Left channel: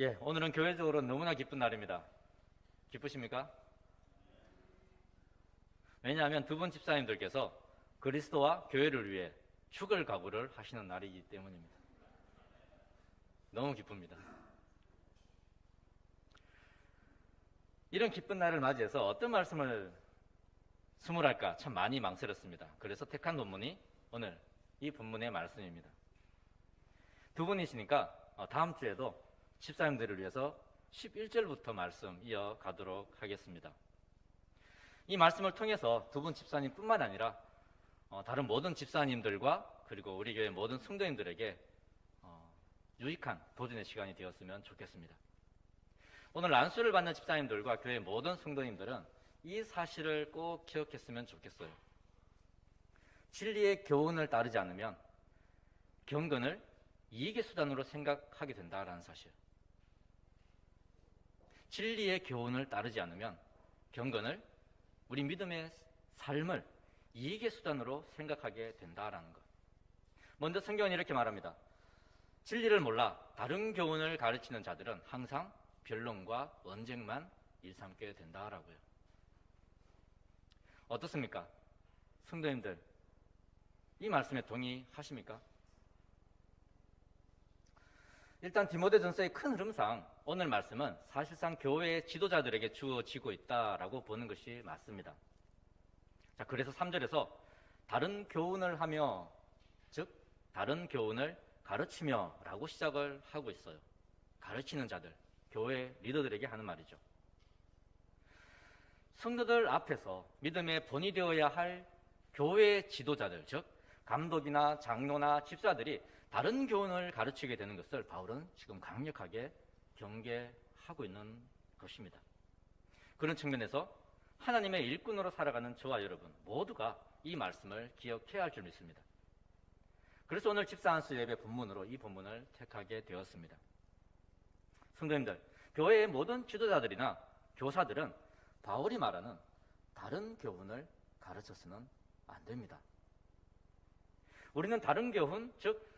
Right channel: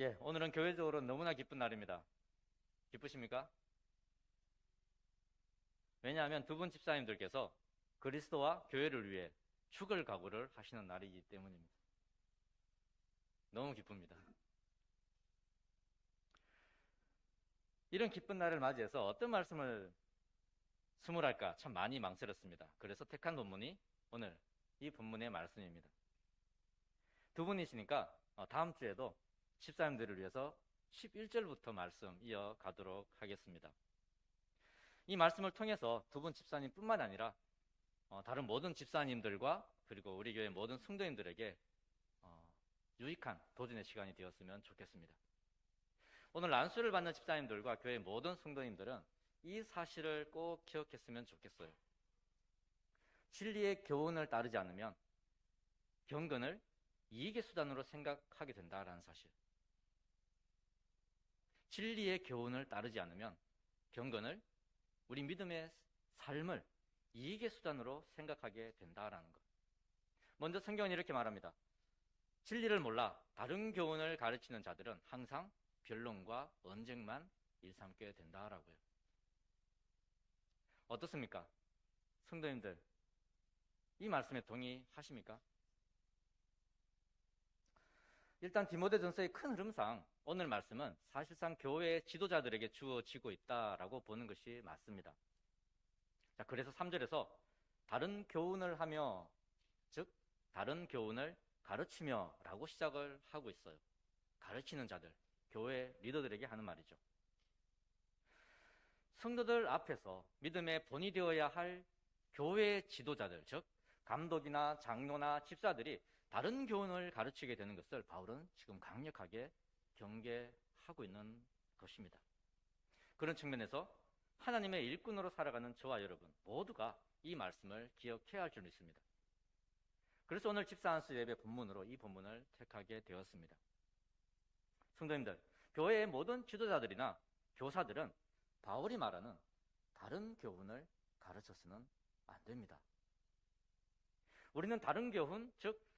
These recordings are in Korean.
예, 오늘은 교회적으로 너무나 기쁜 날입니다. 기쁘십니까? 왜냐하면 두 분 집사님들께서 그리스도와 교회를 위해 죽을 각오를 하시는 날이기 때문입니다. 너무 기쁩니다. 이런 기쁜 날을 맞이해서 어떤 말씀을 스물할까 참 많이 망설였습니다. 그래서 택한 본문이 오늘 이 본문의 말씀입니다. 두 분이시니까 다음 주에도 집사님들을 위해서 11절부터 말씀 이어가도록 하겠습니다. 이 말씀을 통해서 두 분 집사님뿐만 아니라 다른 모든 집사님들과 그리고 우리 교회 모든 성도님들에게 유익한 도전의 시간이 되었으면 좋겠습니다. 오늘 안수를 받는 집사님들과 교회 모든 성도님들은 이 사실을 꼭 기억했으면 좋겠어요. 진리의 교훈을 따르지 않으면 경건을 이익의 수단으로 생각하게 된다는 사실. 진리의 교훈을 따르지 않으면 경건을 우리 믿음의 삶을 이익의 수단으로 생각하게 된다라는 것. 먼저 성경은 이렇게 말합니다. 진리를 몰라 다른 교훈을 가르치는 자들은 항상 변론과 언쟁만 일삼게 된다라고요. 어떻습니까? 성도님들, 이 말씀에 동의하십니까? 일단 디모데전서의 큰 흐름상 오늘 말씀은 사실상 교회의 지도자들에게 주어지고 있다라고 보는 것이 맞습니다. 자, 그래서 3절에서 다른 교훈을 하며, 즉 다른 교훈을 가르치며 라고 시작을 하고 있어요. 가르치는 자들, 교회 리더들에게 하는 말이죠. 성도들 앞에서 믿음의 본이 되어야 할 교회 지도자들, 즉 감독이나 장로나 집사들이 다른 교훈을 가르치게 되는 것을 바울은 지금 강력하게 경계하고 있는 것입니다. 그런 측면에서 하나님의 일꾼으로 살아가는 저와 여러분 모두가 이 말씀을 기억해야 할 줄 믿습니다. 그래서 오늘 집사안수 예배 본문으로 이 본문을 택하게 되었습니다. 성도님들, 교회의 모든 지도자들이나 교사들은 바울이 말하는 다른 교훈을 가르쳐서는 안 됩니다. 우리는 다른 교훈, 즉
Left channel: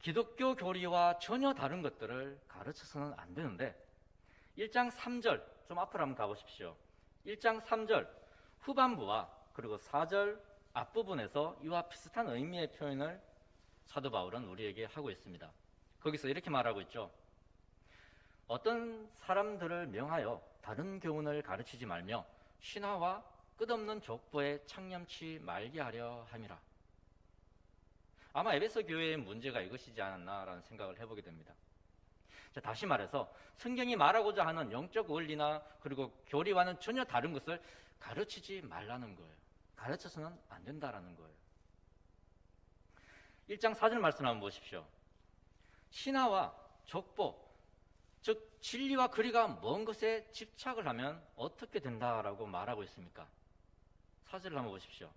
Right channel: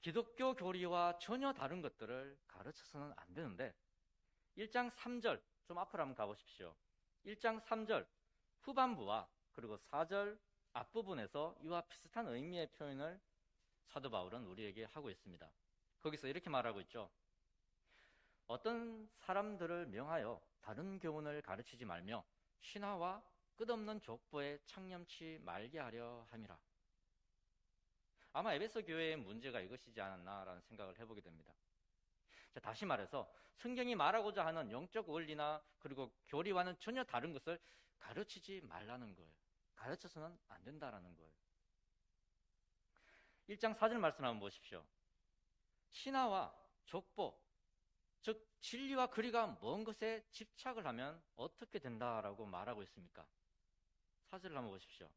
기독교 교리와 전혀 다른 것들을 가르쳐서는 안 되는데 1장 3절, 좀 앞으로 한번 가보십시오. 1장 3절 후반부와 그리고 4절 앞부분에서 이와 비슷한 의미의 표현을 사도 바울은 우리에게 하고 있습니다. 거기서 이렇게 말하고 있죠. 어떤 사람들을 명하여 다른 교훈을 가르치지 말며 신하와 끝없는 족보에 창념치 말게 하려 함이라. 아마 에베소 교회의 문제가 이것이지 않았나라는 생각을 해보게 됩니다. 자, 다시 말해서 성경이 말하고자 하는 영적 원리나 그리고 교리와는 전혀 다른 것을 가르치지 말라는 거예요. 가르쳐서는 안 된다라는 거예요. 1장 4절 말씀 한번 보십시오. 신하와 족보, 즉 진리와 거리가 먼 것에 집착을 하면 어떻게 된다라고 말하고 있습니까? 4절을 한번 보십시오.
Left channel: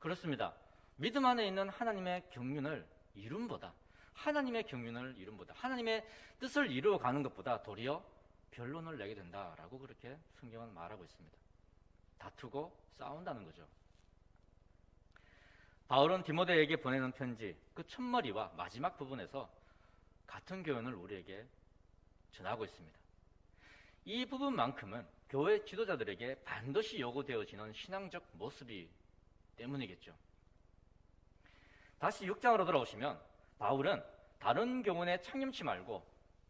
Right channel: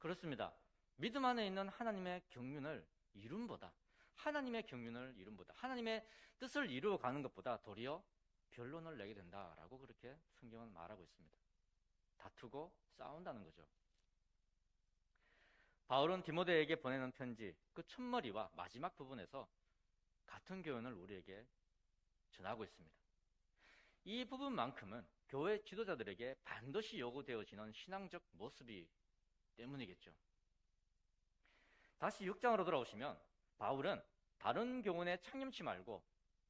그렇습니다. 믿음 안에 있는 하나님의 경륜을 이룸보다 하나님의 경륜을 이룸보다 하나님의 뜻을 이루어가는 것보다 도리어 변론을 내게 된다라고 그렇게 성경은 말하고 있습니다. 다투고 싸운다는 거죠. 바울은 디모데에게 보내는 편지 그 첫머리와 마지막 부분에서 같은 교훈을 우리에게 전하고 있습니다. 이 부분만큼은 교회 지도자들에게 반드시 요구되어지는 신앙적 모습이 때문이겠죠. 다시 6장으로 돌아오시면 바울은 다른 교훈에 창념치 말고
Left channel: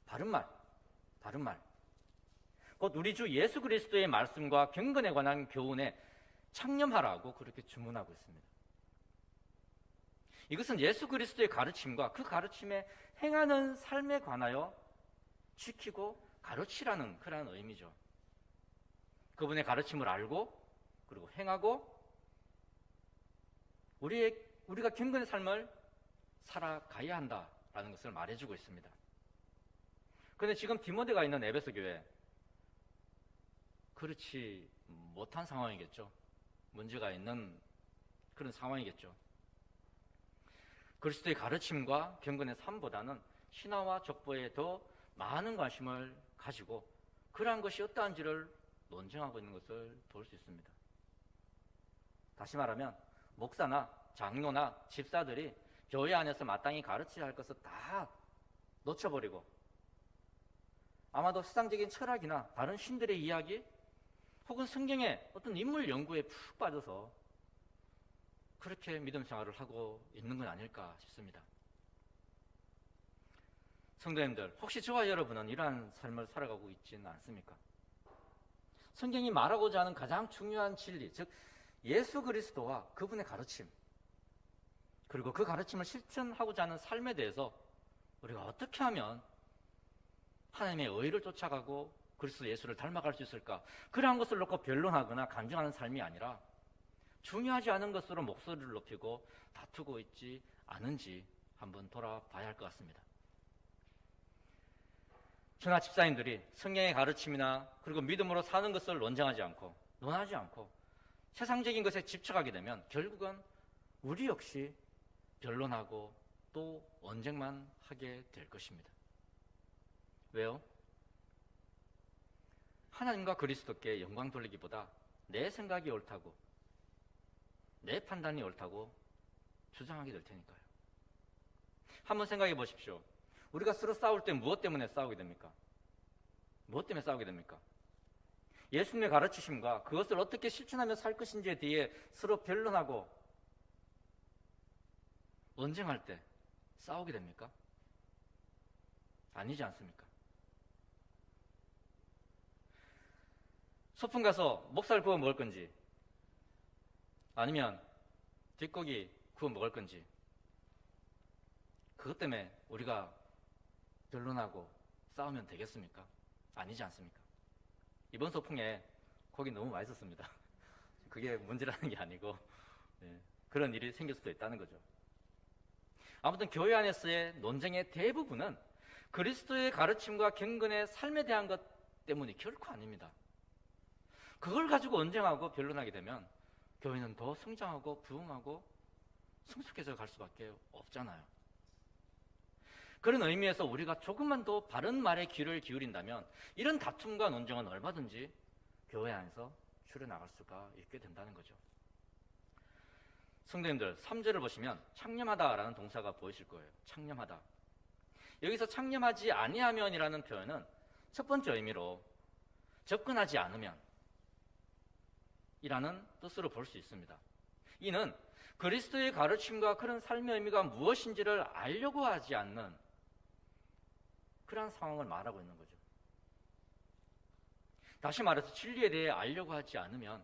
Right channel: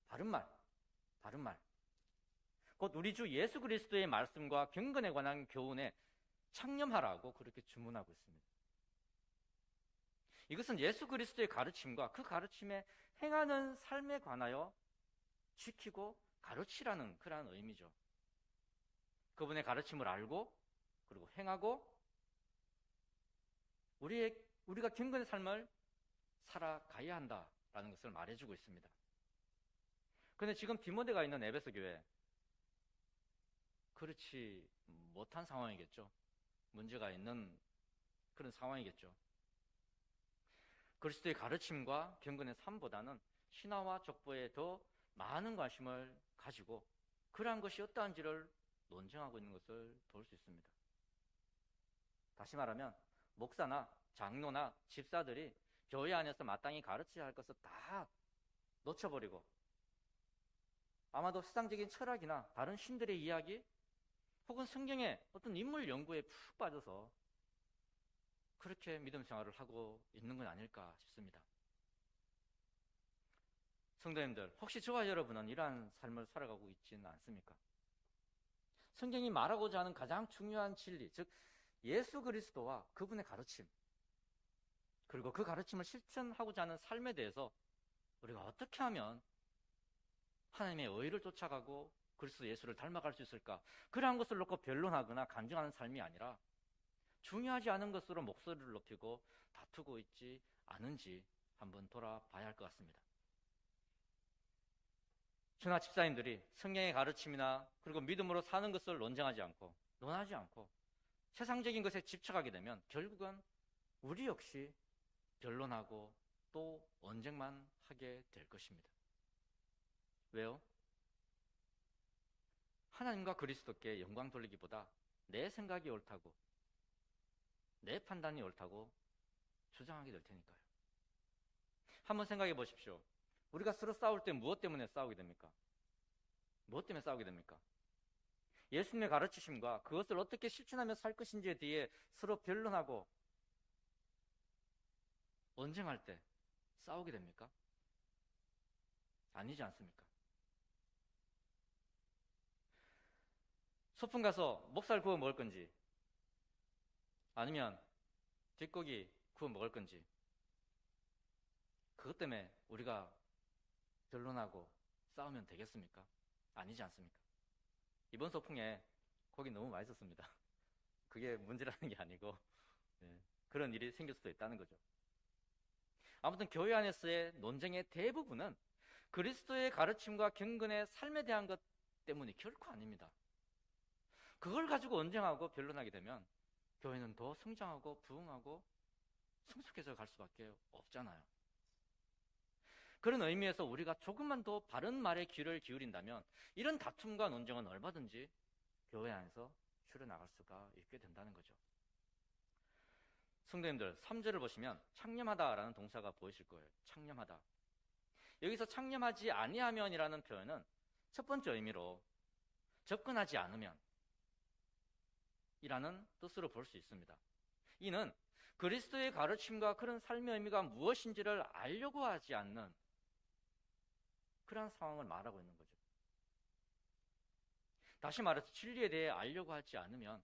바른 말, 곧 우리 주 예수 그리스도의 말씀과 경건에 관한 교훈에 창념하라고 그렇게 주문하고 있습니다. 이것은 예수 그리스도의 가르침과 그 가르침에 행하는 삶에 관하여 지키고 가르치라는 그런 의미죠. 그분의 가르침을 알고 그리고 행하고 우리가 경건의 삶을 살아가야 한다라는 것을 말해주고 있습니다. 그런데 지금 디모데가 있는 에베소 교회 그렇지 못한 상황이겠죠. 문제가 있는 그런 상황이겠죠. 그리스도의 가르침과 경건의 삶보다는 신화와 족보에 더 많은 관심을 가지고 그러한 것이 어떠한지를 논증하고 있는 것을 볼 수 있습니다. 다시 말하면 목사나 장로나 집사들이 교회 안에서 마땅히 가르쳐야 할 것을 다 놓쳐버리고 아마도 세상적인 철학이나 다른 신들의 이야기 혹은 성경의 어떤 인물 연구에 푹 빠져서 그렇게 믿음 생활을 하고 있는 건 아닐까 싶습니다. 성도님들, 혹시 저와 여러분은 이러한 삶을 살아가고 있지는 않습니까? 성경이 말하고자 하는 가장 중요한 진리, 즉 예수 그리스도와 그분의 가르침, 그리고 그 가르침을 실천하고자 하는 삶에 대해서 우리가 어떻게 하면 하나님의 의를 쫓아가고 그리스도 예수를 닮아갈 수 있을까? 그러한 것을 놓고 변론하거나 간증하는 삶이 아니라 중요하지 않은 것으로 목소리를 높이고 다투고 있지 않은지 한번 돌아봐야 할 것 같습니다. 저나 집사님들이 성경의 가르침이나 그리고 믿음으로 사는 것을 논쟁하지 않고 논하지 않고 세상적인 것에 집착하게 되면 결국은 우리 역시 변론하고 또 언쟁만 하게 될 것입니다. 왜요? 하나님과 그리스도께 영광 돌리기보다 내 생각이 옳다고 내 판단이 옳다고 주장하게 될 테니까요. 한번 생각해 보십시오. 우리가 서로 싸울 때 무엇 때문에 싸우게 됩니까? 무엇 때문에 싸우게 됩니까? 예수님의 가르치심과 그것을 어떻게 실천하며 살 것인지에 대해 서로 변론하고 언쟁할 때 싸우게 됩니까? 아니지 않습니까? 소풍 가서 목살 구워 먹을 건지 아니면 뒷고기 구워 먹을 건지 그것 때문에 우리가 변론하고 싸우면 되겠습니까? 아니지 않습니까? 이번 소풍에 고기 너무 맛있었습니다. 그게 문제라는 게 아니고 그런 일이 생길 수도 있다는 거죠. 아무튼 교회 안에서의 논쟁의 대부분은 그리스도의 가르침과 경건의 삶에 대한 것 때문이 결코 아닙니다. 그걸 가지고 언쟁하고 변론하게 되면 교회는 더 성장하고 부흥하고 성숙해져 갈 수밖에 없잖아요. 그런 의미에서 우리가 조금만 더 바른 말에 귀를 기울인다면 이런 다툼과 논쟁은 얼마든지 교회 안에서 줄여나갈 수가 있게 된다는 거죠. 성도님들, 3절을 보시면 창념하다라는 동사가 보이실 거예요. 창념하다. 여기서 창념하지 아니하면이라는 표현은 첫 번째 의미로 접근하지 않으면 이라는 뜻으로 볼 수 있습니다. 이는 그리스도의 가르침과 그런 삶의 의미가 무엇인지를 알려고 하지 않는 그런 상황을 말하고 있는 거죠. 다시 말해서 진리에 대해 알려고 하지 않으면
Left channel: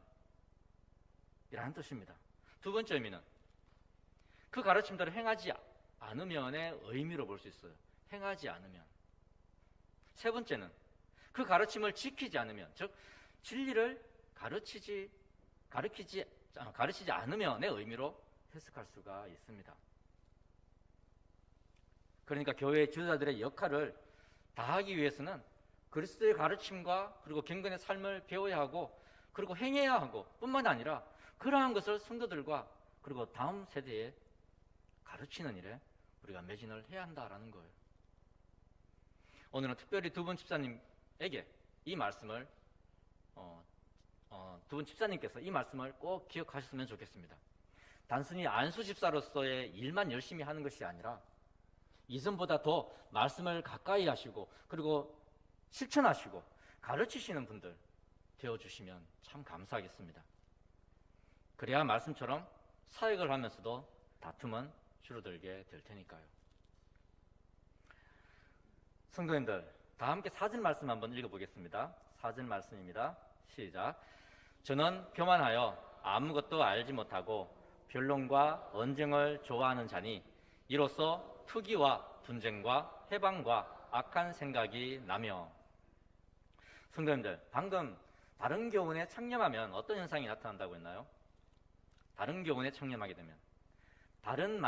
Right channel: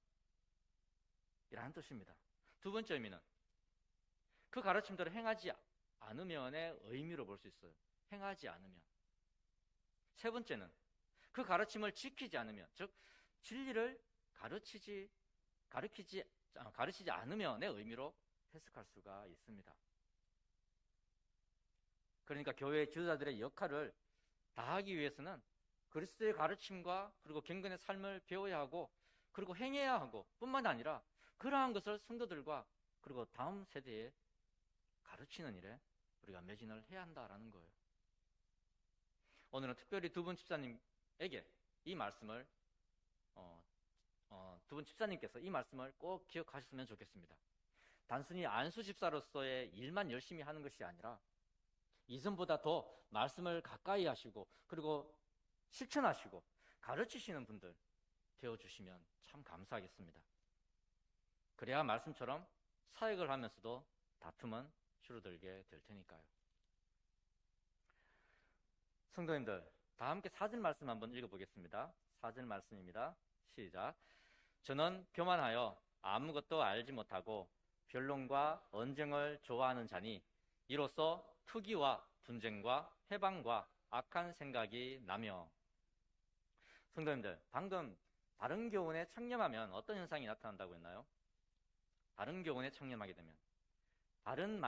이라는 뜻입니다. 두 번째 의미는 그 가르침대로 행하지 않으면의 의미로 볼 수 있어요. 행하지 않으면. 세 번째는 그 가르침을 지키지 않으면, 즉 진리를 가르치지 않으면의 의미로 해석할 수가 있습니다. 그러니까 교회의 지도자들의 역할을 다하기 위해서는 그리스도의 가르침과 그리고 경건의 삶을 배워야 하고 그리고 행해야 하고 뿐만 아니라 그러한 것을 성도들과 그리고 다음 세대에 가르치는 일에 우리가 매진을 해야 한다라는 거예요. 오늘은 특별히 두 분 집사님에게 이 말씀을 두 분 집사님께서 이 말씀을 꼭 기억하셨으면 좋겠습니다. 단순히 안수 집사로서의 일만 열심히 하는 것이 아니라 이전보다 더 말씀을 가까이 하시고 그리고 실천하시고 가르치시는 분들 되어주시면 참 감사하겠습니다. 그래야 말씀처럼 사역을 하면서도 다툼은 줄어들게 될 테니까요. 성도님들, 다 함께 4절 말씀 한번 읽어보겠습니다. 4절 말씀입니다. 시작. 저는 교만하여 아무것도 알지 못하고 변론과 언쟁을 좋아하는 자니 이로써 투기와 분쟁과 해방과 악한 생각이 나며. 성도님들, 방금 다른 교훈에 창념하면 어떤 현상이 나타난다고 했나요? 다른 교훈에 창념하게 되면 다른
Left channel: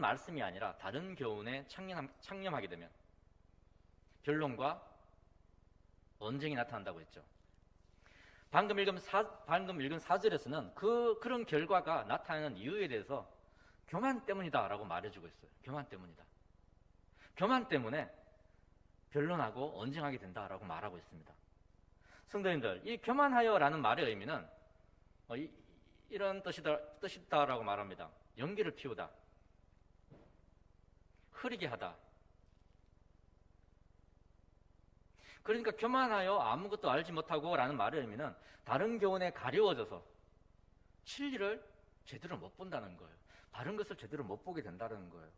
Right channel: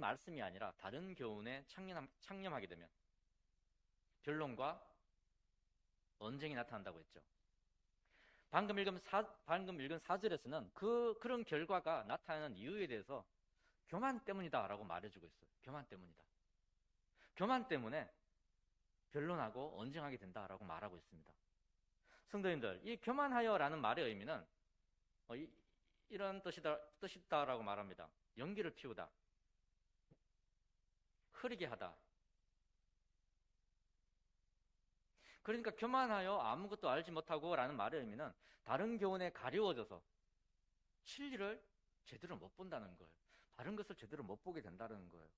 말씀이 아니라 다른 교훈에 창념하게 되면 변론과 언쟁이 나타난다고 했죠. 방금 읽은 4절에서는 그런 결과가 나타나는 이유에 대해서 교만 때문이다라고 말해주고 있어요. 교만 때문이다. 교만 때문에 변론하고 언쟁하게 된다라고 말하고 있습니다. 성도님들, 이 교만하여라는 말의 의미는 이런 뜻이다라고 말합니다. 연기를 피우다, 흐리게 하다, 그러니까 교만하여 아무것도 알지 못하고 라는 말의 의미는 다른 교훈에 가려워져서 진리를 제대로 못 본다는 거예요. 다른 것을 제대로 못 보게 된다는 거예요.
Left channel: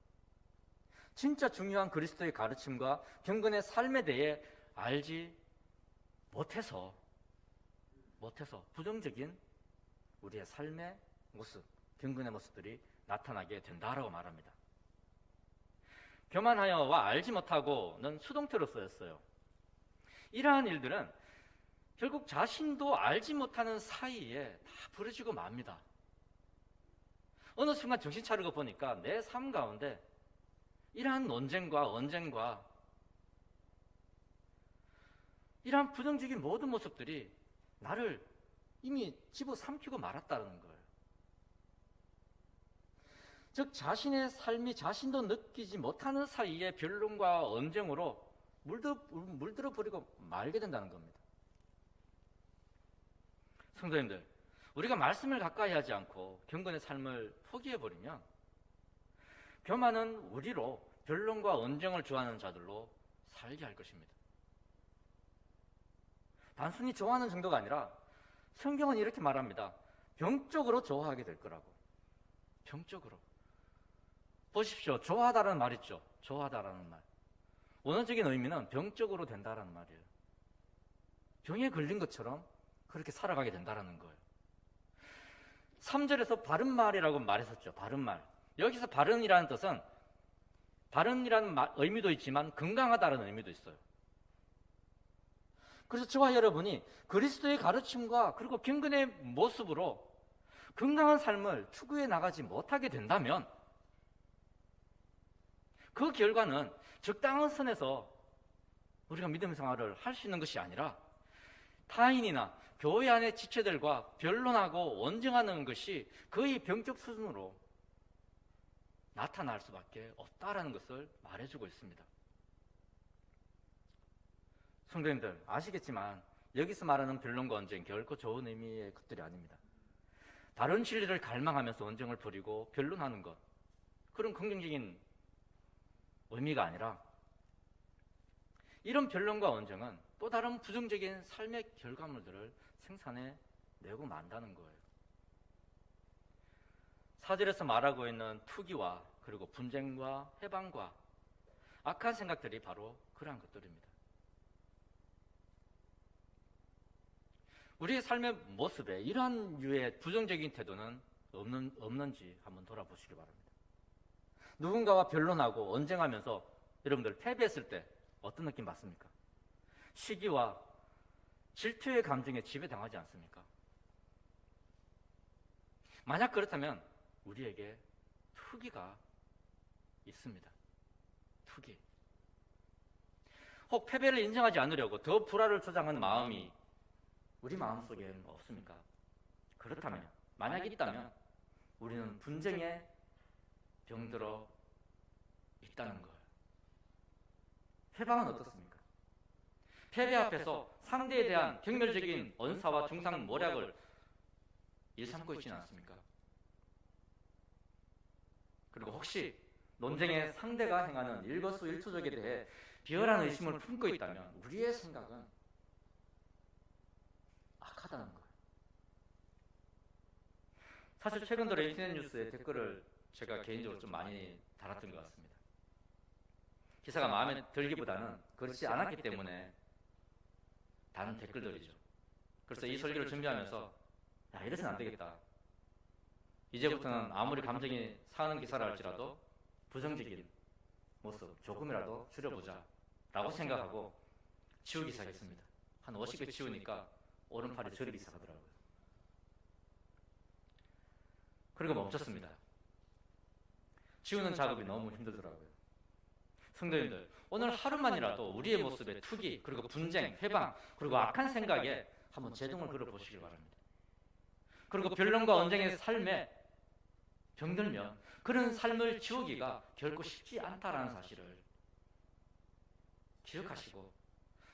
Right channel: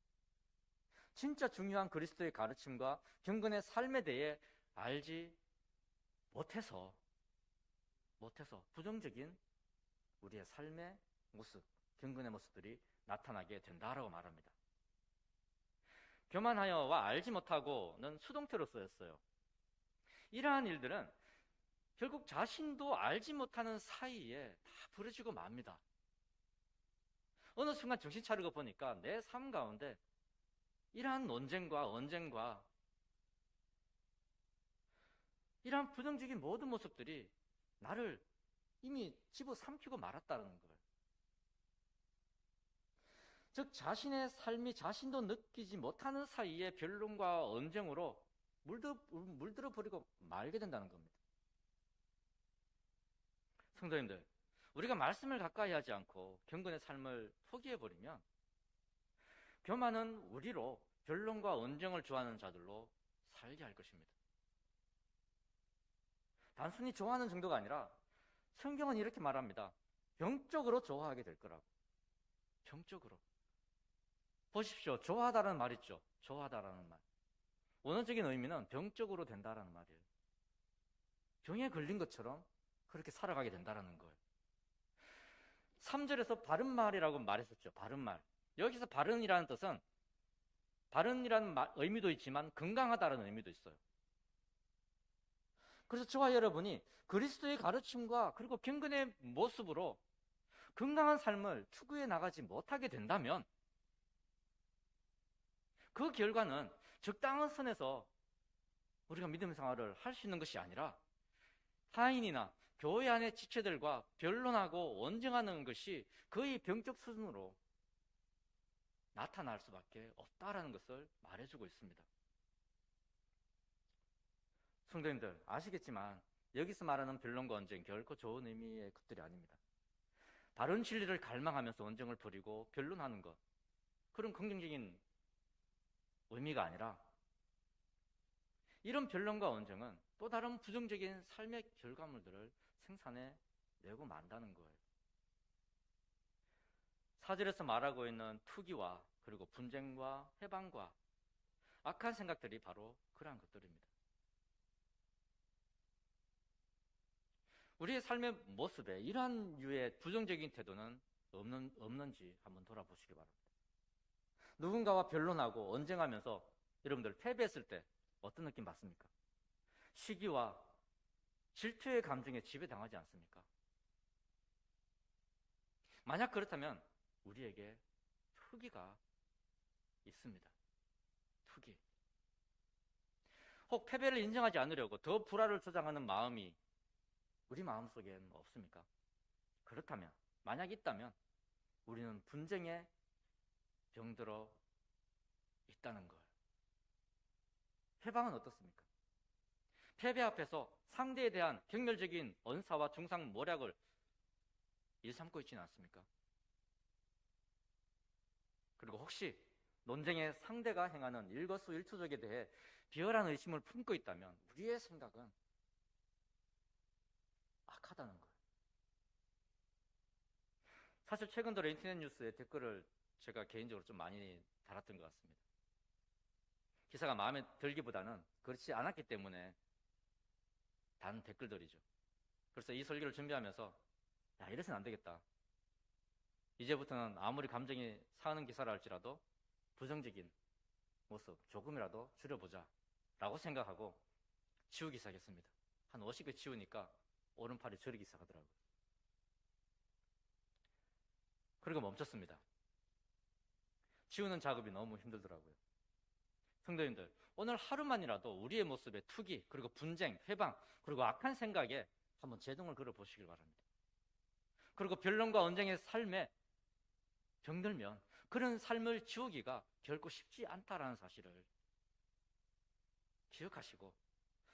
진짜 중요한 그리스도의 가르침과 경건의 삶에 대해 알지 못해서 부정적인 우리의 삶의 모습, 경건의 모습들이 나타나게 된다라고 말합니다. 교만하여와 알지 못하고는 수동태로 쓰였어요. 이러한 일들은 결국 자신도 알지 못하는 사이에 다 벌어지고 맙니다. 어느 순간 정신 차리고 보니까 내 삶 가운데 이러한 논쟁과 언쟁과 이러한 부정적인 모든 모습들이 나를 이미 집어삼키고 말았다는 거예요. 즉 자신의 삶이 자신도 느끼지 못하는 사이에 변론과 언쟁으로 물들어 버리고 말게 된다는 겁니다. 성도님들, 우리가 말씀을 가까이 하지 않고 경건의 삶을 포기해버리면 교만은 우리로 변론과 언쟁을 좋아하는 자들로 살게 할 것입니다. 단순히 좋아하는 정도가 아니라 성경은 이렇게 말합니다. 병적으로 좋아하게 될 거라고. 병적으로. 보십시오. 좋아하다라는 말 있죠. 좋아하다라는 말. 원어적인 의미는 병적으로 된다라는 말이에요. 병에 걸린 것처럼 그렇게 살아가게 된다라는 거예요. 3절에서 바른말이라고 말했었죠. 바른말. 여기서 바른이라는 뜻은 바른이라는 의미도 있지만 건강하다라는 의미도 있어요. 그래서 저와 여러분이 그리스도의 가르침과 그리고 경건의 모습으로 건강한 삶을 추구해 나가지 못하게 된다면 그 결과는 적당한 선에서 우리가 믿음 생활을 할 수 있는 것이 아니라 타인이나 교회 안의 지체들과 변론하고 언쟁하는 것이 거의 병적 수준으로 나타날 수밖에 없다라는 것을 말해주고 있습니다. 성도님들 아시겠지만 여기서 말하는 변론과 언쟁 결코 좋은 의미의 것들이 아닙니다. 다른 진리를 갈망하면서 언쟁을 벌이고 변론하는 것, 그런 긍정적인 의미가 아니라 이런 변론과 언쟁은 또 다른 부정적인 삶의 결과물들을 생산해 내고 만다는 거예요. 4절에서 말하고 있는 투기와 그리고 분쟁과 해방과 악한 생각들이 바로 그러한 것들입니다. 우리의 삶의 모습에 이러한 유의 부정적인 태도는 없는지 한번 돌아보시기 바랍니다. 누군가와 변론하고 언쟁하면서 여러분들 패배했을 때 어떤 느낌 받습니까? 시기와 질투의 감정에 지배당하지 않습니까? 만약 그렇다면 우리에게 투기가 있습니다. 투기. 혹 패배를 인정하지 않으려고 더 불화를 조장하는 마음이 우리 마음속에는 없습니까? 그렇다면, 만약 있다면 우리는 분쟁에 병들어 있다는 거예요. 패배는 어떻습니까? 패배 앞에서 상대에 대한 경멸적인 언사와 중상 모략을 일삼고 있지는 않습니까? 그리고 혹시 논쟁의 상대가 행하는 일거수일투족에 대해 비열한 의심을 품고 있다면 우리의 생각은 악하다는 거예요. 사실 최근 들어 인터넷 뉴스에 댓글을 제가 개인적으로 좀 많이 달았던 것 같습니다. 기사가 마음에 들기보다는 그렇지 않았기 때문에 다른 댓글들이죠. 그래서 이 설교를 준비하면서 야, 이래서는 안 되겠다. 이제부터는 아무리 감정이 상하는 기사를 할지라도 부정적인 모습 조금이라도 줄여보자 라고 생각하고 지우기 시작했습니다. 한 50개 지우니까 오른팔이 저리기 시작하더라고요. 그리고 멈췄습니다. 지우는 작업이 너무 힘들더라고요. 성도님들, 오늘 하루만이라도 우리의 모습에 투기, 그리고 분쟁, 해방, 그리고 악한 생각에 한번 제동을 걸어보시기 바랍니다. 그리고 변론과 언쟁의 삶에 병들면 그런 삶을 지우기가 결코 쉽지 않다는 사실을 기억하시고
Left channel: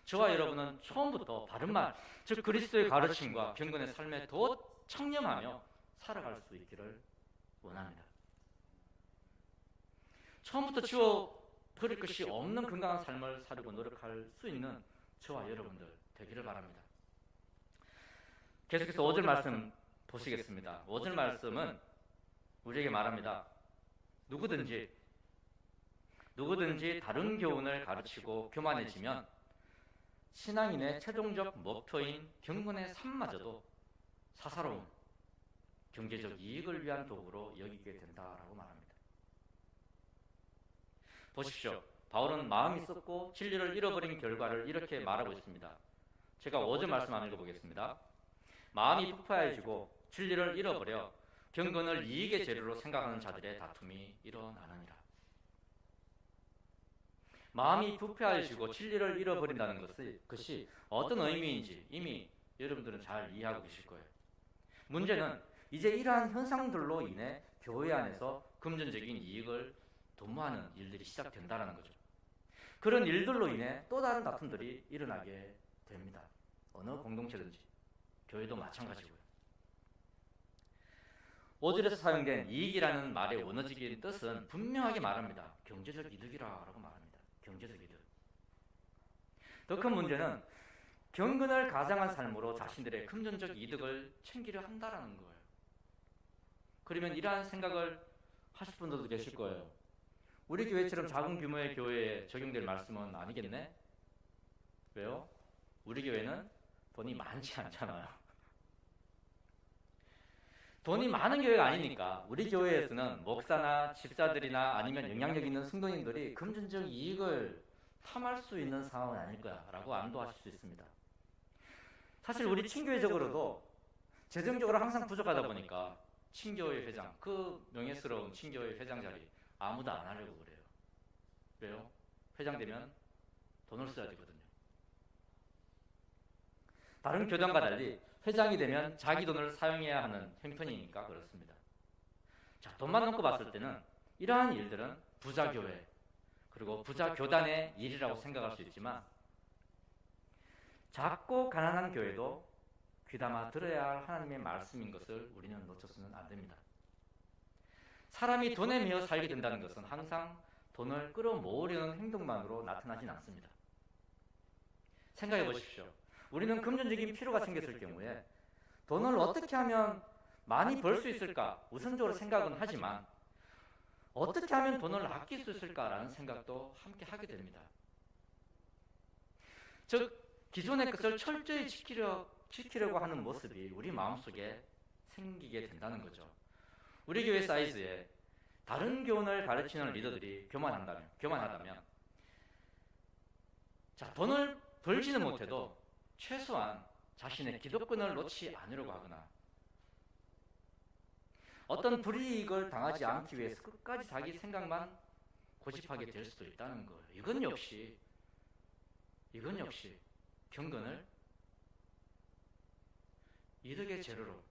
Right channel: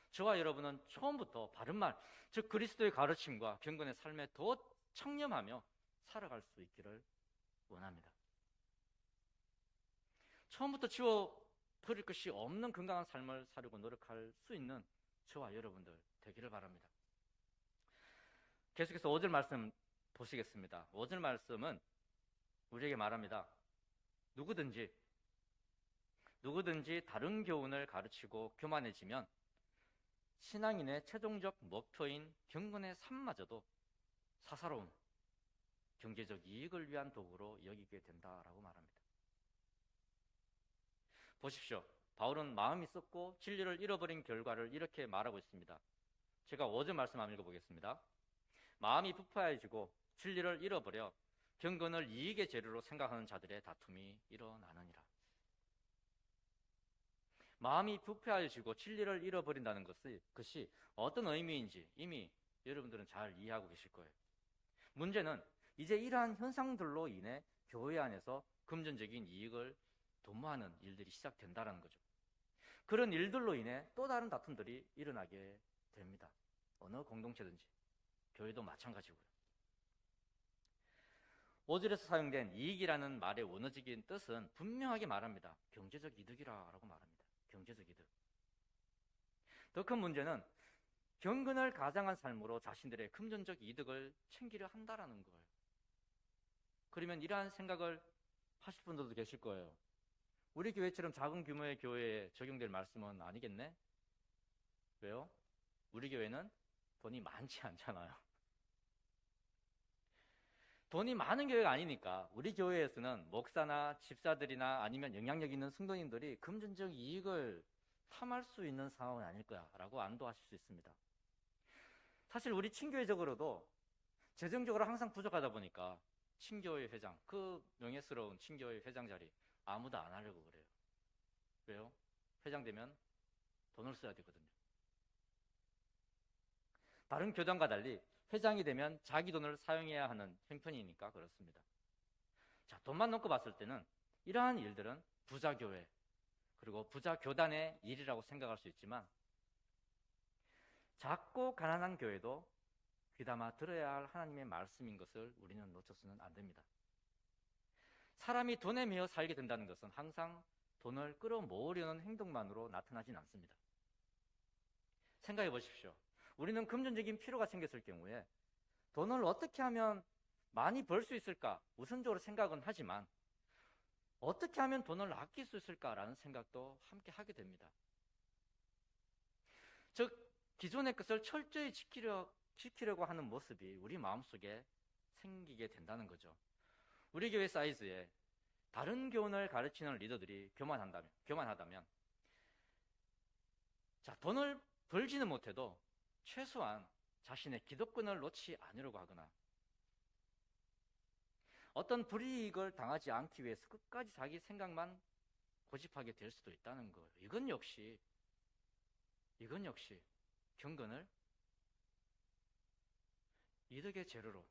저와 여러분은 처음부터 바른말, 즉 그리스도의 가르침과 경건의 삶에 더 청렴하며 살아갈 수 있기를 원합니다. 처음부터 지워버릴 것이 없는 건강한 삶을 살려고 노력할 수 있는 저와 여러분들 되기를 바랍니다. 계속해서 5절 말씀 보시겠습니다. 5절 말씀은 우리에게 말합니다. 누구든지 다른 교훈을 가르치고 교만해지면 신앙인의 최종적 목표인 경건의 삶마저도 사사로운 경제적 이익을 위한 도구로 여기게 된다라고 말합니다. 보십시오. 바울은 마음이 썩고 진리를 잃어버린 결과를 이렇게 말하고 있습니다. 제가 5절 말씀 한번 읽어보겠습니다. 마음이 부패해지고 진리를 잃어버려 경건을 이익의 재료로 생각하는 자들의 다툼이 일어나느니라. 마음이 부패해지고 진리를 잃어버린다는 것이 어떤 의미인지 이미 여러분들은 잘 이해하고 계실 거예요. 문제는 이제 이러한 현상들로 인해 교회 안에서 금전적인 이익을 도모하는 일들이 시작된다는 거죠. 그런 일들로 인해 또 다른 다툼들이 일어나게 됩니다. 어느 공동체든지 교회도 마찬가지고요. 5절에서 사용된 이익이라는 말의 원어적인 뜻은 분명하게 말합니다. 경제적 이득이라고 말합니다. 경제적 이득. 더 큰 문제는 경건을 가장한 삶으로 자신들의 금전적 이득을 챙기려 한다는 거예요. 그러면 이러한 생각을 하실 분들도 계실 거예요. 우리 교회처럼 작은 규모의 교회에 적용될 말씀은 아니겠네? 왜요? 우리 교회는 돈이 많지 않잖아요. 돈이 많은 교회가 아니니까 우리 교회에서는 목사나 집사들이나 아니면 영향력 있는 성도님들이 금전적 이익을 탐할 수 있는 상황은 아닐 거야라고 안도하실 수 있습니다. 사실 우리 친교회적으로도 재정적으로 항상 부족하다 보니까 친교회 회장, 그 명예스러운 친교회 회장 자리 아무도 안 하려고 그래요. 왜요? 회장 되면 돈을 써야 되거든요. 다른 교단과 달리 회장이 되면 자기 돈을 사용해야 하는 형편이니까 그렇습니다. 자, 돈만 놓고 봤을 때는 이러한 일들은 부자교회 그리고 부자교단의 일이라고 생각할 수 있지만 작고 가난한 교회도 귀담아 들어야 할 하나님의 말씀인 것을 우리는 놓쳐서는 안 됩니다. 사람이 돈에 매여 살게 된다는 것은 항상 돈을 끌어모으려는 행동만으로 나타나진 않습니다. 생각해 보십시오. 우리는 금전적인 필요가 생겼을 경우에 돈을 어떻게 하면 많이 벌 수 있을까 우선적으로 생각은 하지만 어떻게 하면 돈을 아낄 수 있을까라는 생각도 함께 하게 됩니다. 즉 기존의 것을 철저히 지키려고 하는 모습이 우리 마음속에 생기게 된다는 거죠. 우리 교회 사이즈에 다른 교훈을 가르치는 리더들이 교만하다면 자, 돈을 벌지는 못해도 최소한 자신의 기득권을 놓지 않으려고 하거나 어떤 불이익을 당하지 않기 위해서 끝까지 자기 생각만 고집하게 될 수도 있다는 거예요. 이건 역시 경건을 이득의 재료로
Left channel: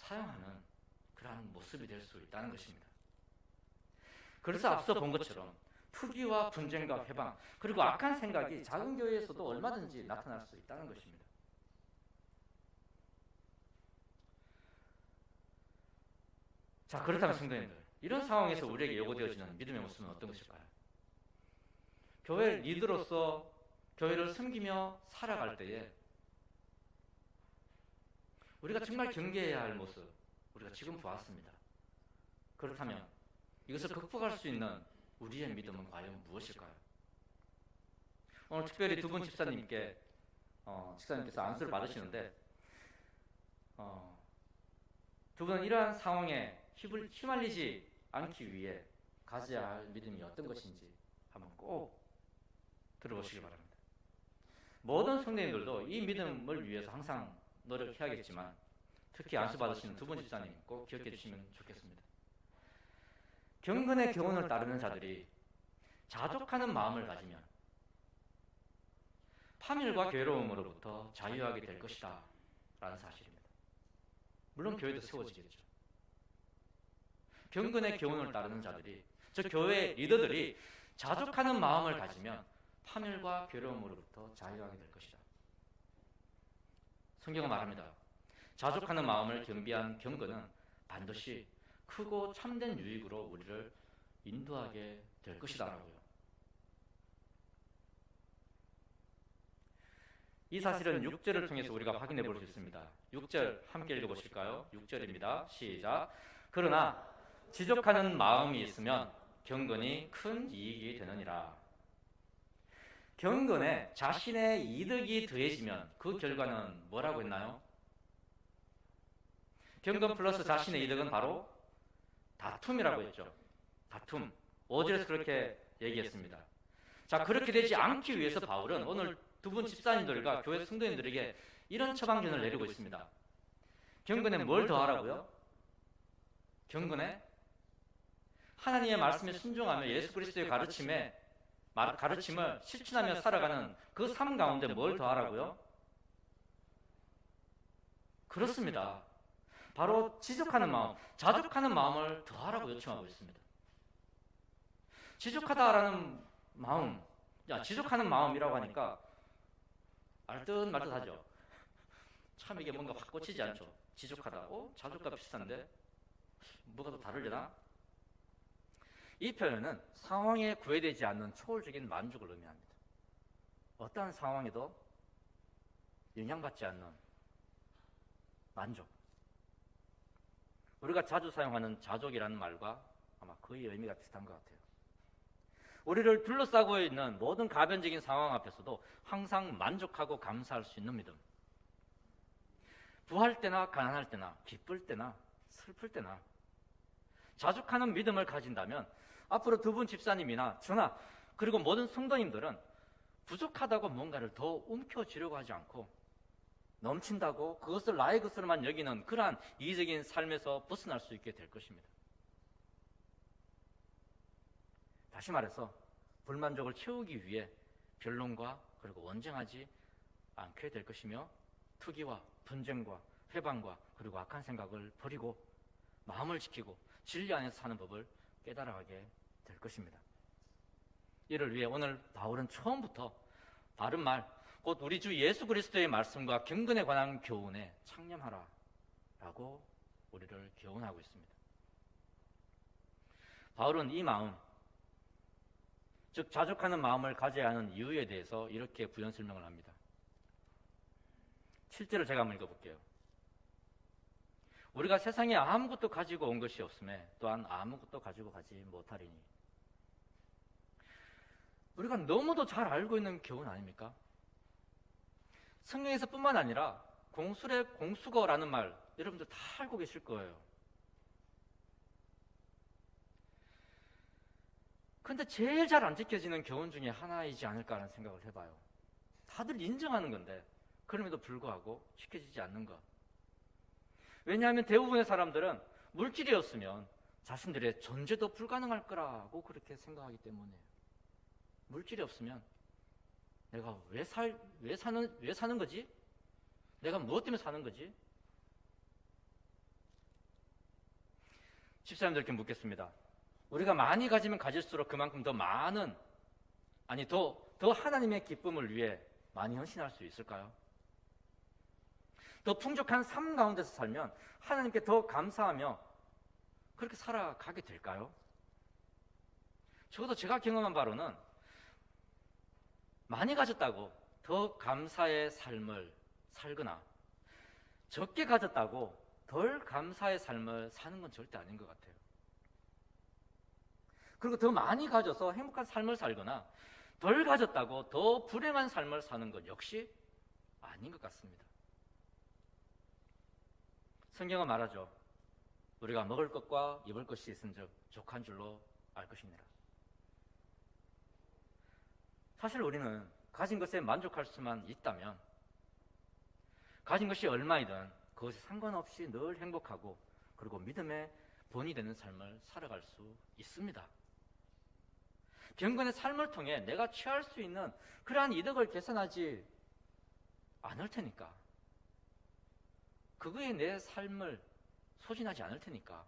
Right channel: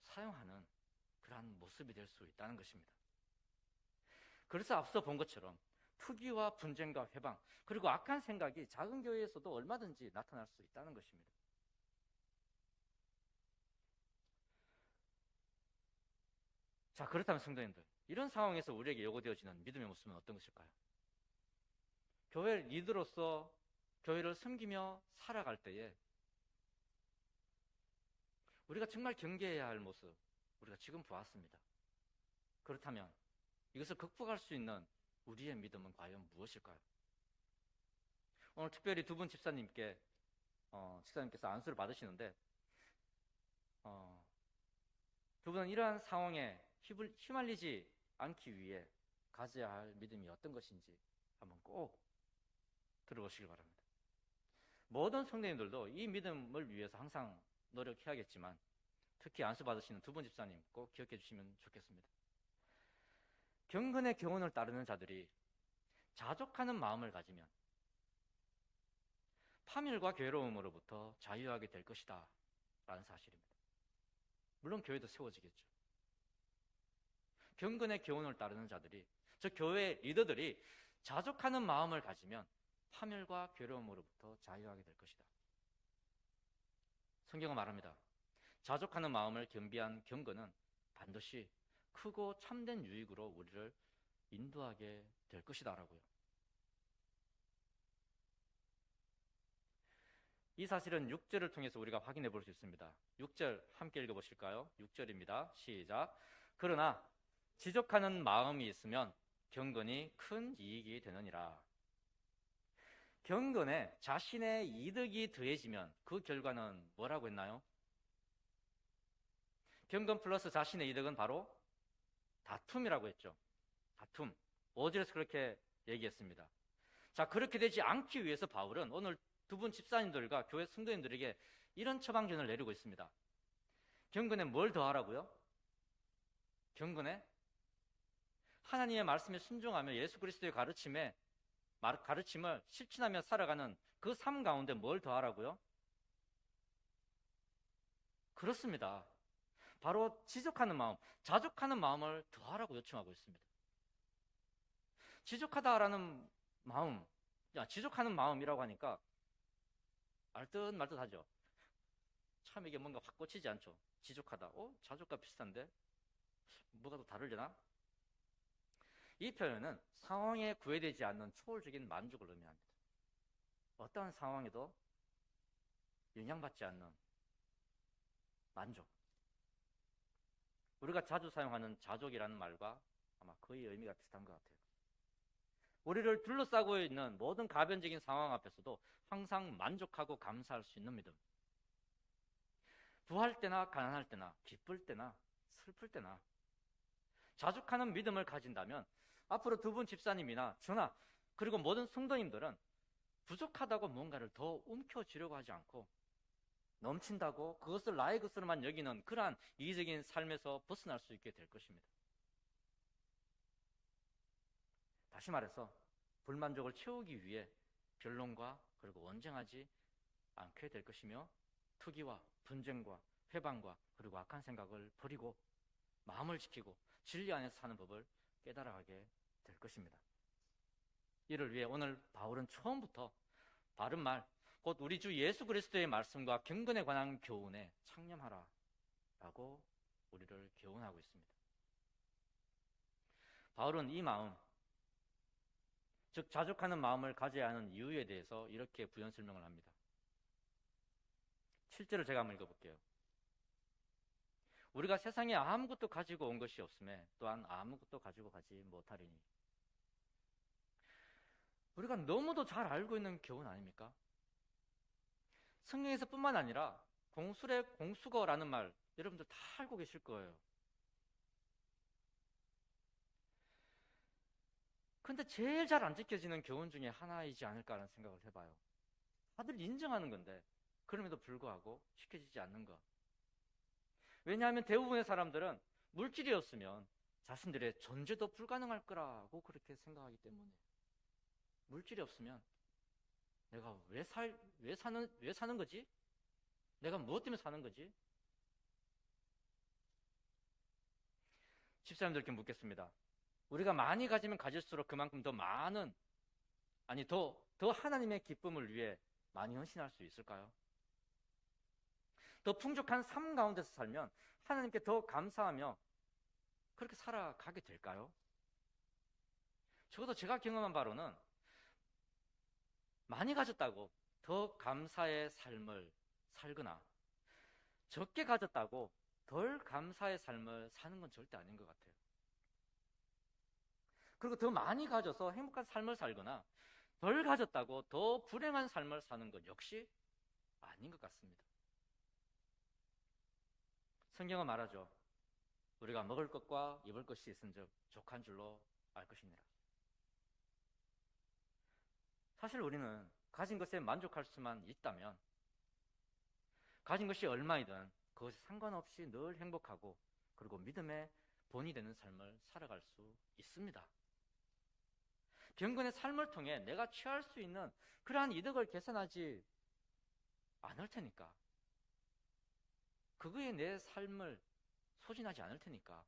사용하는 그러한 모습이 될 수 있다는 것입니다. 그래서 앞서 본 것처럼 투기와 분쟁과 회방 그리고 악한 생각이 작은 교회에서도 얼마든지 나타날 수 있다는 것입니다. 자, 그렇다면 성도님들, 이런 상황에서 우리에게 요구되어지는 믿음의 모습은 어떤 것일까요? 교회 리더로서 교회를 섬기며 살아갈 때에 우리가 정말 경계해야 할 모습 우리가 지금 보았습니다. 그렇다면 이것을 극복할 수 있는 우리의 믿음은 과연 무엇일까요? 오늘 특별히 두 분 집사님께서 안수를 받으시는데 두 분은 이러한 상황에 휘말리지 않기 위해 가져야 할 믿음이 어떤 것인지 한번 꼭 들어보시기 바랍니다. 모든 성도님들도 이 믿음을 위해서 항상 노력해야겠지만 특히 안수 받으시는 두 분 집사님 꼭 기억해 주시면 좋겠습니다. 경건의 교훈을 따르는 자들이 자족하는 마음을 가지면 파멸과 괴로움으로부터 자유하게 될 것이다 라는 사실입니다. 물론 교회도 세워지겠죠. 경건의 교훈을 따르는 자들이 즉 교회 리더들이 자족하는 마음을 가지면 파멸과 괴로움으로부터 자유하게 될 것이다. 성경은 말합니다. 자족하는 마음을 겸비한 경건은 반드시 크고 참된 유익으로 우리를 인도하게 될 것이다 라고요. 이 사실은 6절을 통해서 우리가 확인해 볼 수 있습니다. 6절 함께 읽어보실까요? 6절입니다. 시작. 그러나 지족하는 마음이 있으면 경건이 큰 이익이 되느니라. 경건에 자신의 이득이 더해지면 그 결과는 뭐라고 했나요? 경건 플러스 자신의 이득은 바로 다툼이라고 했죠. 다툼. 5절에서 그렇게 얘기했습니다. 자, 그렇게 되지 않기 위해서 바울은 오늘 두 분 집사님들과 교회 성도님들에게 이런 처방전을 내리고 있습니다. 경건에 뭘 더하라고요? 경건에 하나님의 말씀에 순종하며 예수 그리스도의 가르침을 실천하며 살아가는 그 삶 가운데 뭘 더하라고요? 그렇습니다. 바로 지적하는 마음, 자족하는 마음을 더하라고 요청하고 있습니다. 지적하다라는 마음, 지적하는 마음이라고 하니까 알듯 말듯하죠. 참 이게 뭔가 확 꽂히지 않죠. 지적하다, 자족과 비슷한데 뭐가 더 다르려나? 이 표현은 상황에 구애되지 않는 초월적인 만족을 의미합니다. 어떠한 상황에도 영향받지 않는 만족. 우리가 자주 사용하는 자족이라는 말과 아마 거의 의미가 비슷한 것 같아요. 우리를 둘러싸고 있는 모든 가변적인 상황 앞에서도 항상 만족하고 감사할 수 있는 믿음. 부할 때나 가난할 때나 기쁠 때나 슬플 때나 자족하는 믿음을 가진다면 앞으로 두 분 집사님이나 저나 그리고 모든 성도님들은 부족하다고 뭔가를 더 움켜쥐려고 하지 않고 넘친다고 그것을 나의 것으로만 여기는 그러한 이기적인 삶에서 벗어날 수 있게 될 것입니다. 다시 말해서 불만족을 채우기 위해 변론과 그리고 원정하지 않게 될 것이며 투기와 분쟁과 회방과 그리고 악한 생각을 버리고 마음을 지키고 진리 안에서 사는 법을 깨달아가게 될 것입니다. 이를 위해 오늘 바울은 처음부터 바른 말, 곧 우리 주 예수 그리스도의 말씀과 경건에 관한 교훈에 창념하라 라고 우리를 교훈하고 있습니다. 바울은 이 마음, 즉 자족하는 마음을 가져야 하는 이유에 대해서 이렇게 부연 설명을 합니다. 7절을 제가 한번 읽어볼게요. 우리가 세상에 아무것도 가지고 온 것이 없음에 또한 아무것도 가지고 가지 못하리니. 우리가 너무도 잘 알고 있는 교훈 아닙니까? 성경에서 뿐만 아니라 공술의 공수거라는 말 여러분들 다 알고 계실 거예요. 근데 제일 잘 안 지켜지는 교훈 중에 하나이지 않을까라는 생각을 해봐요. 다들 인정하는 건데 그럼에도 불구하고 지켜지지 않는 것. 왜냐하면 대부분의 사람들은 물질이었으면 자신들의 존재도 불가능할 거라고 그렇게 생각하기 때문에 물질이 없으면 내가 왜 사는 거지? 내가 무엇 때문에 사는 거지? 집사님들께 묻겠습니다. 우리가 많이 가지면 가질수록 그만큼 더 많은, 더 하나님의 기쁨을 위해 많이 헌신할 수 있을까요? 더 풍족한 삶 가운데서 살면 하나님께 더 감사하며 그렇게 살아가게 될까요? 적어도 제가 경험한 바로는 많이 가졌다고 더 감사의 삶을 살거나 적게 가졌다고 덜 감사의 삶을 사는 건 절대 아닌 것 같아요. 그리고 더 많이 가져서 행복한 삶을 살거나 덜 가졌다고 더 불행한 삶을 사는 것 역시 아닌 것 같습니다. 성경은 말하죠. 우리가 먹을 것과 입을 것이 있은즉 족한 줄로 알 것이니라. 사실 우리는 가진 것에 만족할 수만 있다면 가진 것이 얼마이든 그것에 상관없이 늘 행복하고 그리고 믿음의 본이 되는 삶을 살아갈 수 있습니다. 경건의 삶을 통해 내가 취할 수 있는 그러한 이득을 계산하지 않을 테니까, 그거에 내 삶을 소진하지 않을 테니까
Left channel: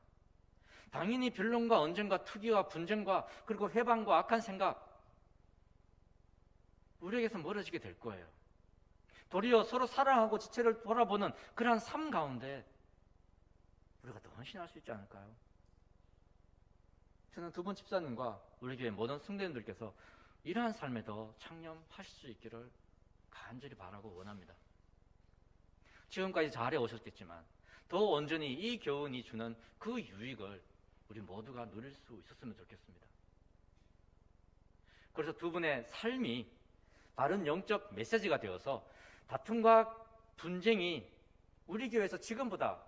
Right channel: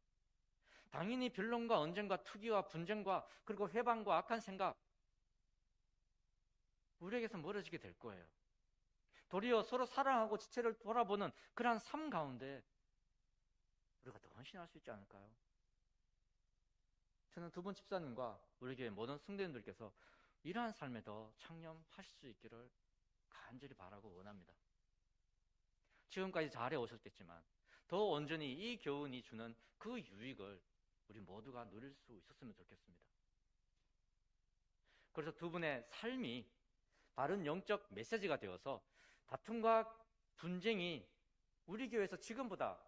당연히 변론과 언쟁과 투기와 분쟁과 그리고 회방과 악한 생각 우리에게서 멀어지게 될 거예요. 도리어 서로 사랑하고 지체를 돌아보는 그러한 삶 가운데 우리가 더 헌신할 수 있지 않을까요? 저는 두 분 집사님과 우리 교회 모든 성도님들께서 이러한 삶에 더 창념하실 수 있기를 간절히 바라고 원합니다. 지금까지 잘해 오셨겠지만 더 온전히 이 교훈이 주는 그 유익을 우리 모두가 누릴 수 있었으면 좋겠습니다. 그래서 두 분의 삶이 바른 영적 메시지가 되어서 다툼과 분쟁이 우리 교회에서 지금보다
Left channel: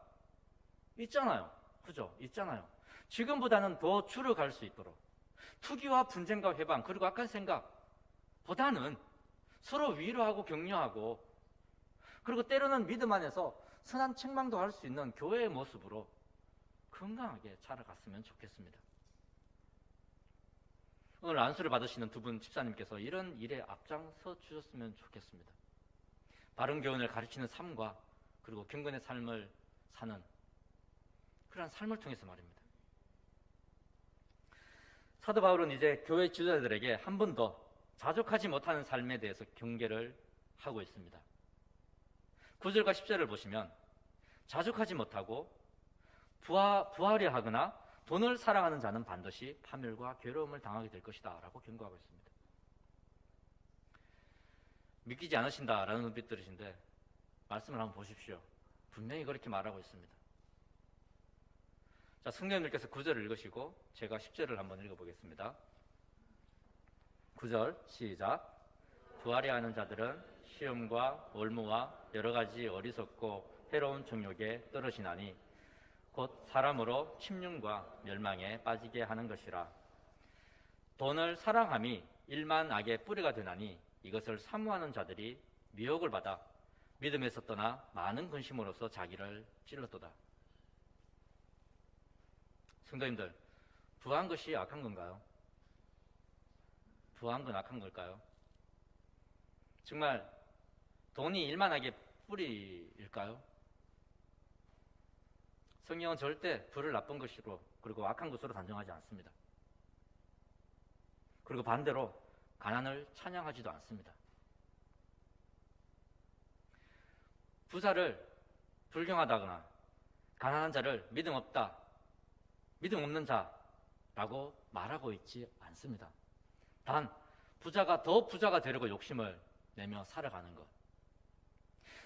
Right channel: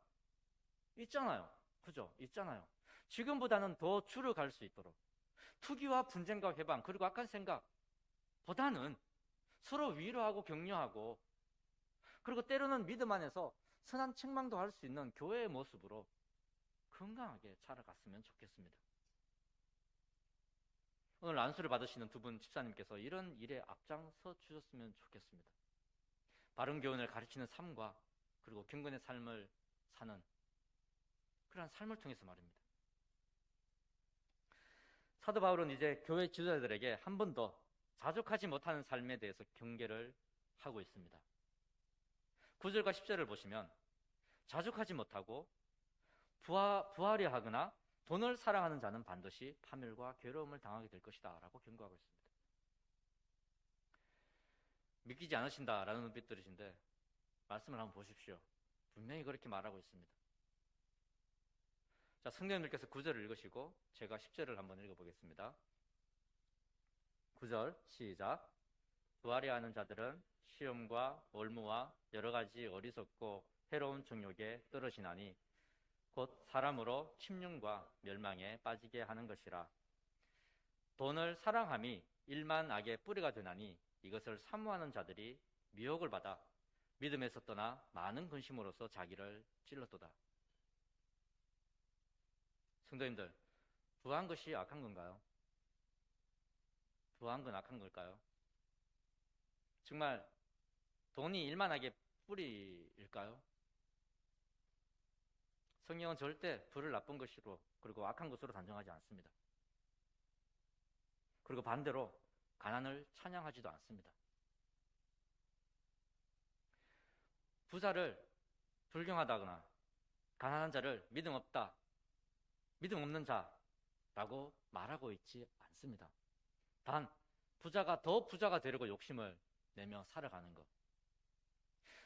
있잖아요. 그죠? 있잖아요. 지금보다는 더 줄어갈 수 있도록 투기와 분쟁과 회방, 그리고 악한 생각보다는 서로 위로하고 격려하고, 그리고 때로는 믿음 안에서 선한 책망도 할 수 있는 교회의 모습으로 건강하게 자라갔으면 좋겠습니다. 오늘 안수를 받으시는 두 분 집사님께서 이런 일에 앞장서 주셨으면 좋겠습니다. 바른 교훈을 가르치는 삶과 그리고 경건의 삶을 사는 그러한 삶을 통해서 말입니다. 사도 바울은 이제 교회 지도자들에게 한 번 더 자족하지 못하는 삶에 대해서 경계를 하고 있습니다. 9절과 10절을 보시면 자족하지 못하고 부하려 하거나 돈을 사랑하는 자는 반드시 파멸과 괴로움을 당하게 될 것이다 라고 경고하고 있습니다. 믿기지 않으신다라는 눈빛들이신데 말씀을 한번 보십시오. 분명히 그렇게 말하고 있습니다. 자, 성령님께서 9절을 읽으시고 제가 10절을 한번 읽어보겠습니다. 9절 시작. 부하려 하는 자들은 시험과 올무와 여러 가지 어리석고 해로운 정욕에 떨어지나니 곧 사람으로 침륜과 멸망에 빠지게 하는 것이라. 돈을 사랑함이 일만 악의 뿌리가 되나니 이것을 사모하는 자들이 미혹을 받아 믿음에서 떠나 많은 근심으로써 자기를 찔렀도다. 성도님들, 부한 것이 악한 건가요? 부한 건 악한 걸까요? 정말 돈이 일만 악의 뿌리일까요? 성경은 절대 부를 나쁜 것으로 그리고 악한 것으로 단정하지 않습니다. 그리고 반대로 가난을 찬양하지도 않습니다. 부자를 불경하다거나 가난한 자를 믿음 없는 자라고 말하고 있지 않습니다. 단 부자가 더 부자가 되려고 욕심을 내며 살아가는 것,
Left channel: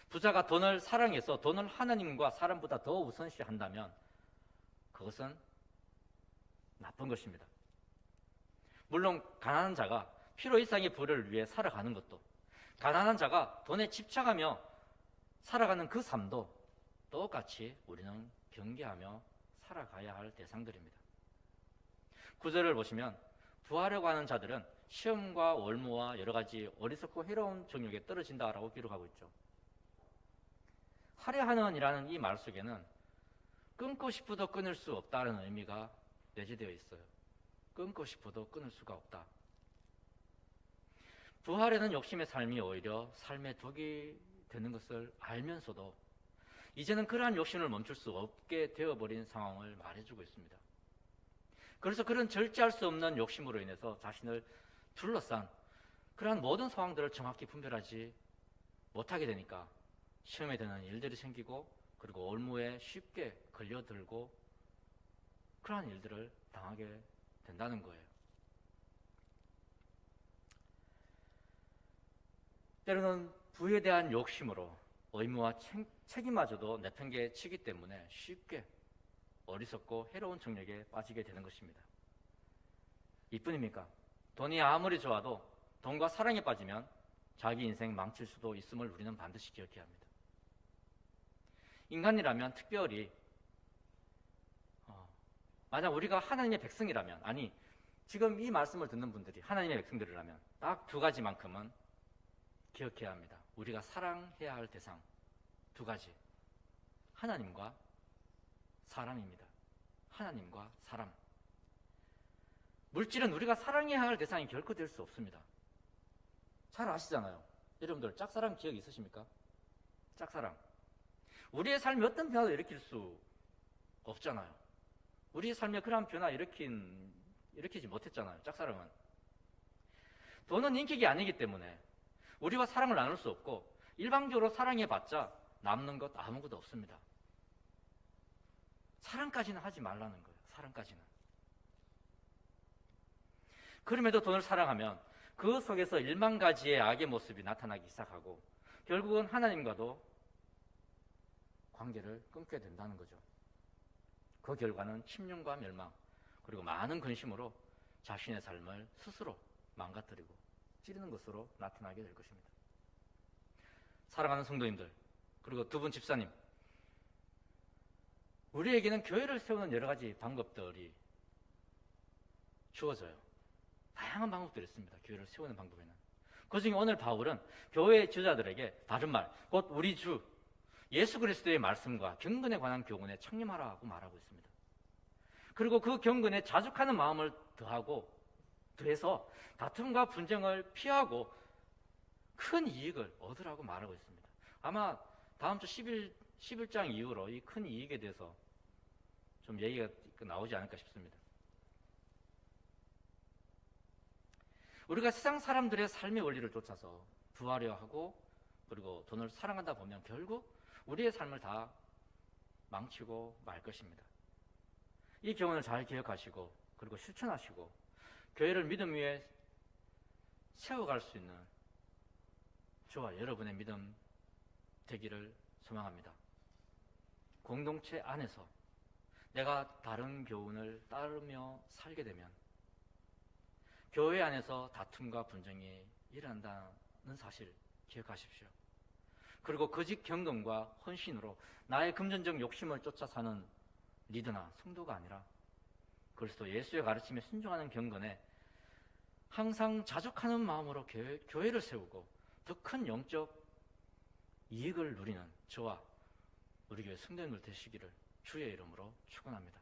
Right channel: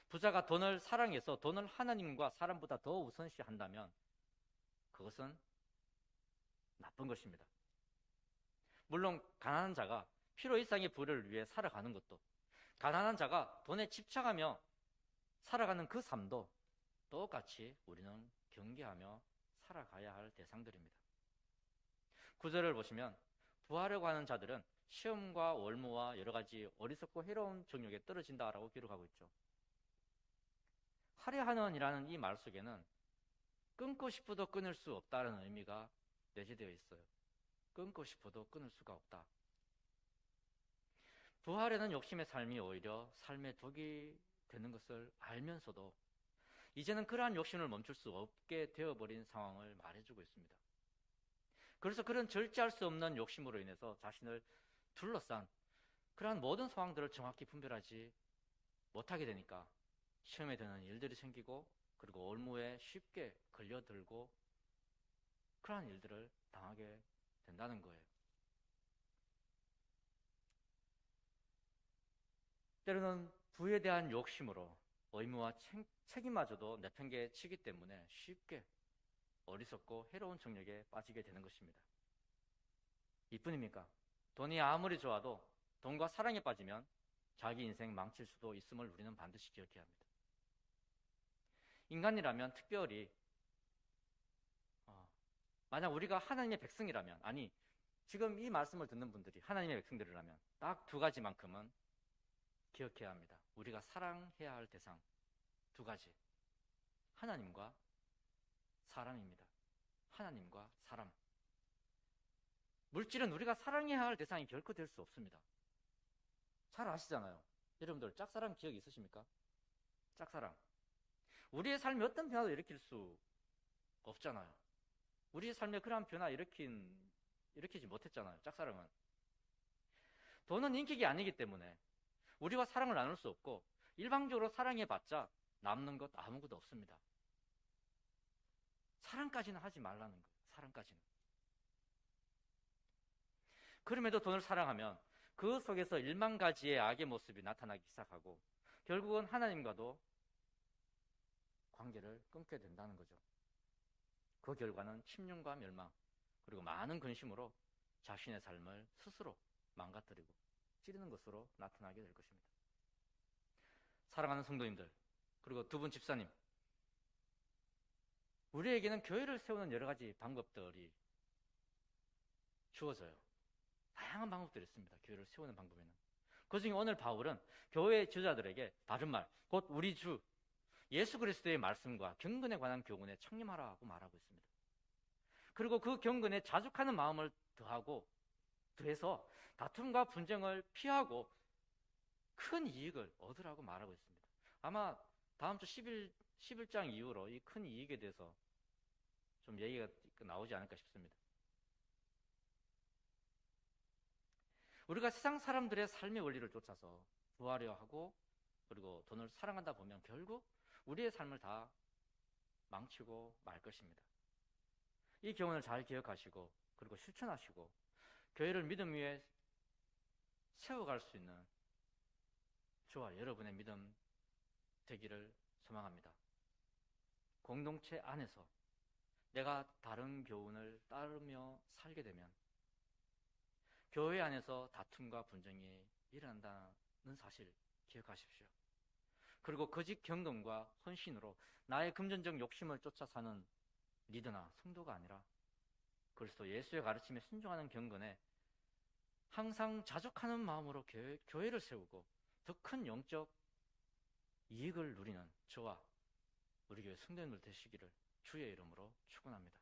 부자가 돈을 사랑해서 돈을 하나님과 사람보다 더 우선시한다면 그것은 나쁜 것입니다. 물론 가난한 자가 필요 이상의 부를 위해 살아가는 것도, 가난한 자가 돈에 집착하며 살아가는 그 삶도 똑같이 우리는 경계하며 살아가야 할 대상들입니다. 9절을 보시면 부하려고 하는 자들은 시험과 올무와 여러 가지 어리석고 해로운 정욕에 떨어진다라고 기록하고 있죠. 하려 하는 이라는 이 말 속에는 끊고 싶어도 끊을 수 없다는 의미가 내재되어 있어요. 끊고 싶어도 끊을 수가 없다. 부하려는 욕심의 삶이 오히려 삶의 독이 되는 것을 알면서도 이제는 그러한 욕심을 멈출 수 없게 되어버린 상황을 말해주고 있습니다. 그래서 그런 절제할 수 없는 욕심으로 인해서 자신을 둘러싼 그러한 모든 상황들을 정확히 분별하지 못하게 되니까 시험에 드는 일들이 생기고, 그리고 올무에 쉽게 걸려들고 그러한 일들을 당하게 된다는 거예요. 때로는 부에 대한 욕심으로 의무와 책임마저도 내팽개치기 때문에 쉽게 어리석고 해로운 정욕에 빠지게 되는 것입니다. 이뿐입니까? 돈이 아무리 좋아도 돈과 사랑에 빠지면 자기 인생 망칠 수도 있음을 우리는 반드시 기억해야 합니다. 인간이라면 특별히 만약 우리가 하나님의 백성이라면, 아니 지금 이 말씀을 듣는 분들이 하나님의 백성들이라면 딱 두 가지만큼은 기억해야 합니다. 우리가 사랑해야 할 대상 두 가지, 하나님과 사람입니다. 하나님과 사람. 물질은 우리가 사랑해야 할 대상이 결코 될 수 없습니다. 잘 아시잖아요. 여러분들 짝사랑 기억 있으십니까? 짝사랑. 우리의 삶에 어떤 변화도 일으킬 수 없잖아요. 우리의 삶에 그러한 변화 일으키지 못했잖아요. 짝사랑은. 돈은 인격이 아니기 때문에 우리와 사랑을 나눌 수 없고, 일방적으로 사랑해봤자 남는 것 아무것도 없습니다. 사랑까지는 하지 말라는 거예요. 사랑까지는. 그럼에도 돈을 사랑하면 그 속에서 1만 가지의 악의 모습이 나타나기 시작하고 결국은 하나님과도 관계를 끊게 된다는 거죠. 그 결과는 침륜과 멸망, 그리고 많은 근심으로 자신의 삶을 스스로 망가뜨리고 찌르는 것으로 나타나게 될 것입니다. 사랑하는 성도님들, 그리고 두 분 집사님, 우리에게는 교회를 세우는 여러 가지 방법들이 주어져요. 다양한 방법들이 있습니다. 교회를 세우는 방법에는. 그중에 오늘 바울은 교회 지도자들에게 다른 말, 곧 우리 주 예수 그리스도의 말씀과 경건에 관한 교훈에 창림하라고 말하고 있습니다. 그리고 그 경건에 자족하는 마음을 더해서 다툼과 분쟁을 피하고 큰 이익을 얻으라고 말하고 있습니다. 아마 다음 주 11장 이후로 이 큰 이익에 대해서 좀 얘기가 나오지 않을까 싶습니다. 우리가 세상 사람들의 삶의 원리를 쫓아서 부하려 하고 그리고 돈을 사랑하다 보면 결국 우리의 삶을 다 망치고 말 것입니다. 이 교훈을 잘 기억하시고 그리고 실천하시고 교회를 믿음 위에 세워갈 수 있는 저와 여러분의 믿음 되기를 소망합니다. 공동체 안에서 내가 다른 교훈을 따르며 살게 되면 교회 안에서 다툼과 분쟁이 일어난다는 사실 기억하십시오. 그리고 거짓 경건과 헌신으로 나의 금전적 욕심을 쫓아 사는 리더나 성도가 아니라 그리스도 예수의 가르침에 순종하는 경건에 항상 자족하는 마음으로 교회를 세우고 더 큰 영적 이익을 누리는 저와 우리 교회 성도님들 되시기를 주의 이름으로 축원합니다.